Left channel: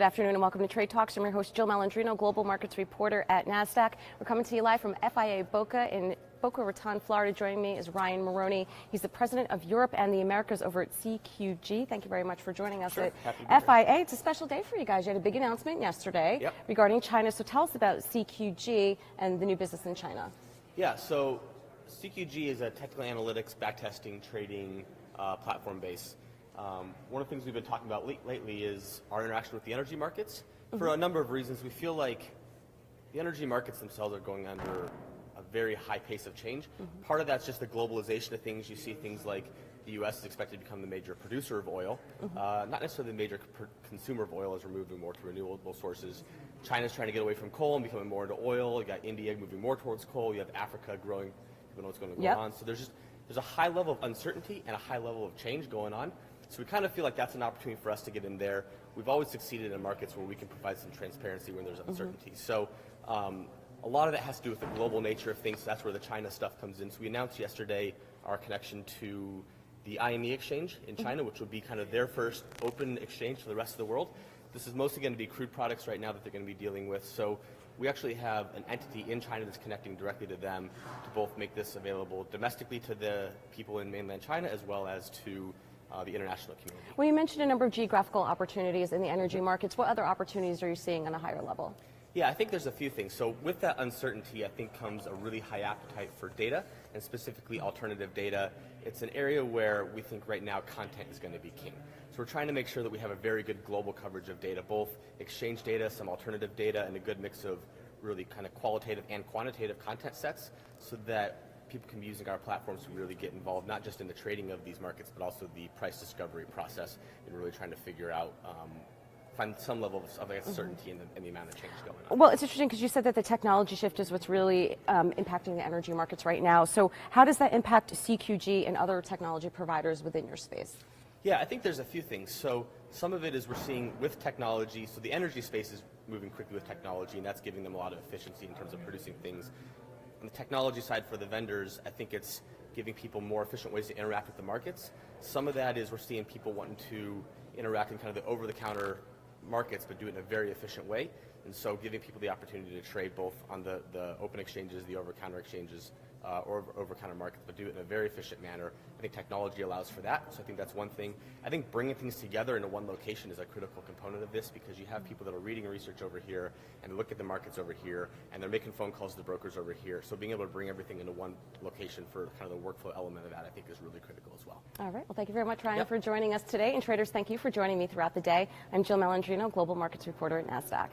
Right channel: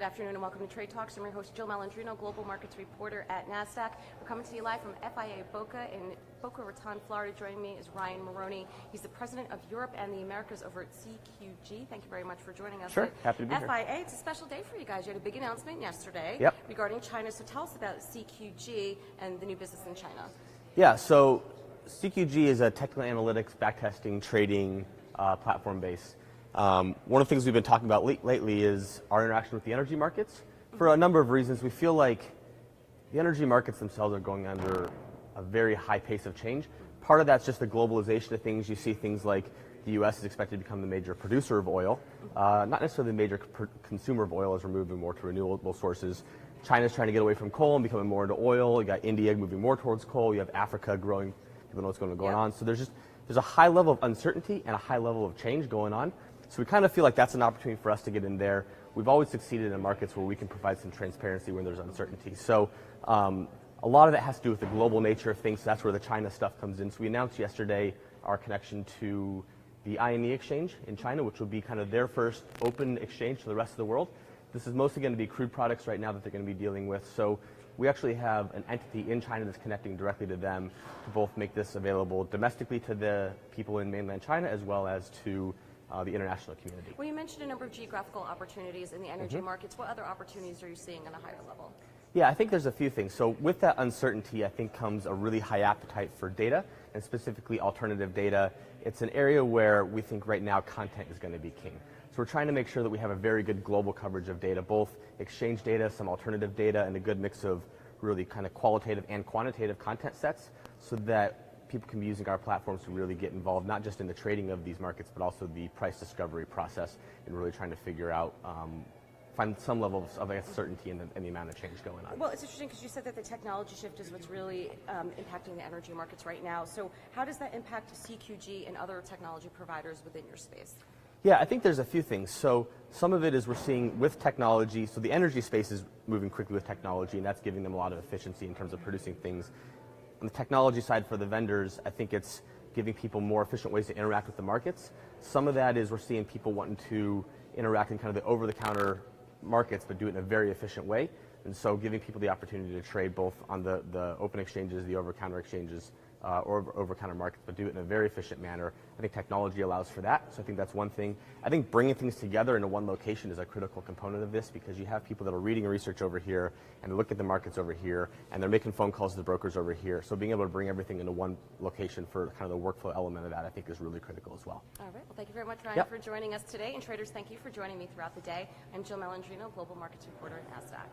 Good afternoon and welcome to Trade Talks. I'm your host, Jill Malandrino, Global Markets Reporter at Nasdaq. We're coming to you live from FIA Boca in Boca Raton, Florida. Joining me is Ryan Moroney. He's the president of Europe and the Americas over at CQG. Thank you very much for joining us. Sure, happy to be FIA, here. it's a special day for you guys. You had a big announcement yesterday Yep. regarding China. So tell us about CQG and the new business in China. Yeah, so CQG is a technical analytics, backtesting, trading platform base. One of the things we've been talking about lately is our interaction with the energy markets. For a number of reasons, we feel like the energy markets themselves are going under a very high pace of change. Part of that's just the globalization of things. You see things like the U.S. is expected to become the major producer of oil, not necessarily the major consumer of oil as we're moving more to renewable sources. China's trying to get away from coal and becoming more into oil. You got India moving more towards coal. You have Africa growing. People know what's going on. So there's a high level of uncertainty and a high level of change going on. So we kind of feel like that's an opportunity for us to get in there. We've always succeeded in markets where we can provide some transparency when there's uncertainty. So a lot of it has to do with the global nature of things. So that's where the China stuff comes in. So we announced yesterday our connection to the IME exchange in China, which will be kind of their first open exchange to the rest of the world. This is mostly going to be crude products right now that they're going to be dealing with. So we actually have an entity in China that's connecting directly to them to both make this available domestically to the people in mainland China as well as to the international community. Well, you mentioned a number of geographical opportunities in the energy markets. What other opportunities are you seeing on a higher level? Yeah, I think there's a few things. So with that uncertainty, I think comes a really high appetite for data, and specifically alternative data. It's an area where we think right now content is going to be king. So we're trying to make sure that we have a very good global coverage of data, both exchange data, some alternative data, and a good mix of really kind of qualitative and quantitative content sets so that people can be using our platforms to really get involved, not just in the trading of these markets, but also the price discovery process and really trying to figure out, find some level of certainty in the amount of change going on. Well, it's interesting because you said that the technology shift is what's really impacting the energy markets right now. So how does that impact CQG and other technology providers within your space? Yeah, I think there's a few things. So some of it is we're seeing with technology, so the energy space is moving quickly with technology, and that's giving them a lot of efficiency in terms of producing things. On the technology side for the vendors, I think it's giving people more efficient ways to interact with the markets. Some of that is we're seeing people wanting to interact in kind of the over-the-counter markets, but do it in a very efficient way. And so giving people the opportunity to trade both on the open exchanges, the over-counter exchanges, or over-counter markets, but do it in a very efficient manner. I think technology allows for that, so I think that's one thing. I think bringing things together into one location is a critical component of this because you have people that are reading research over here, and they look at the markets over here, and they're making phone calls to the brokers over here. So being able to bring everything into one location for kind of the workflow element of that, I think is really critical as well. All right. Well, thank you very much, Ryan, for joining us today. And traders, thank you for joining me throughout the day. I'm Jill Malandrino, Global Markets Reporter at Nasdaq.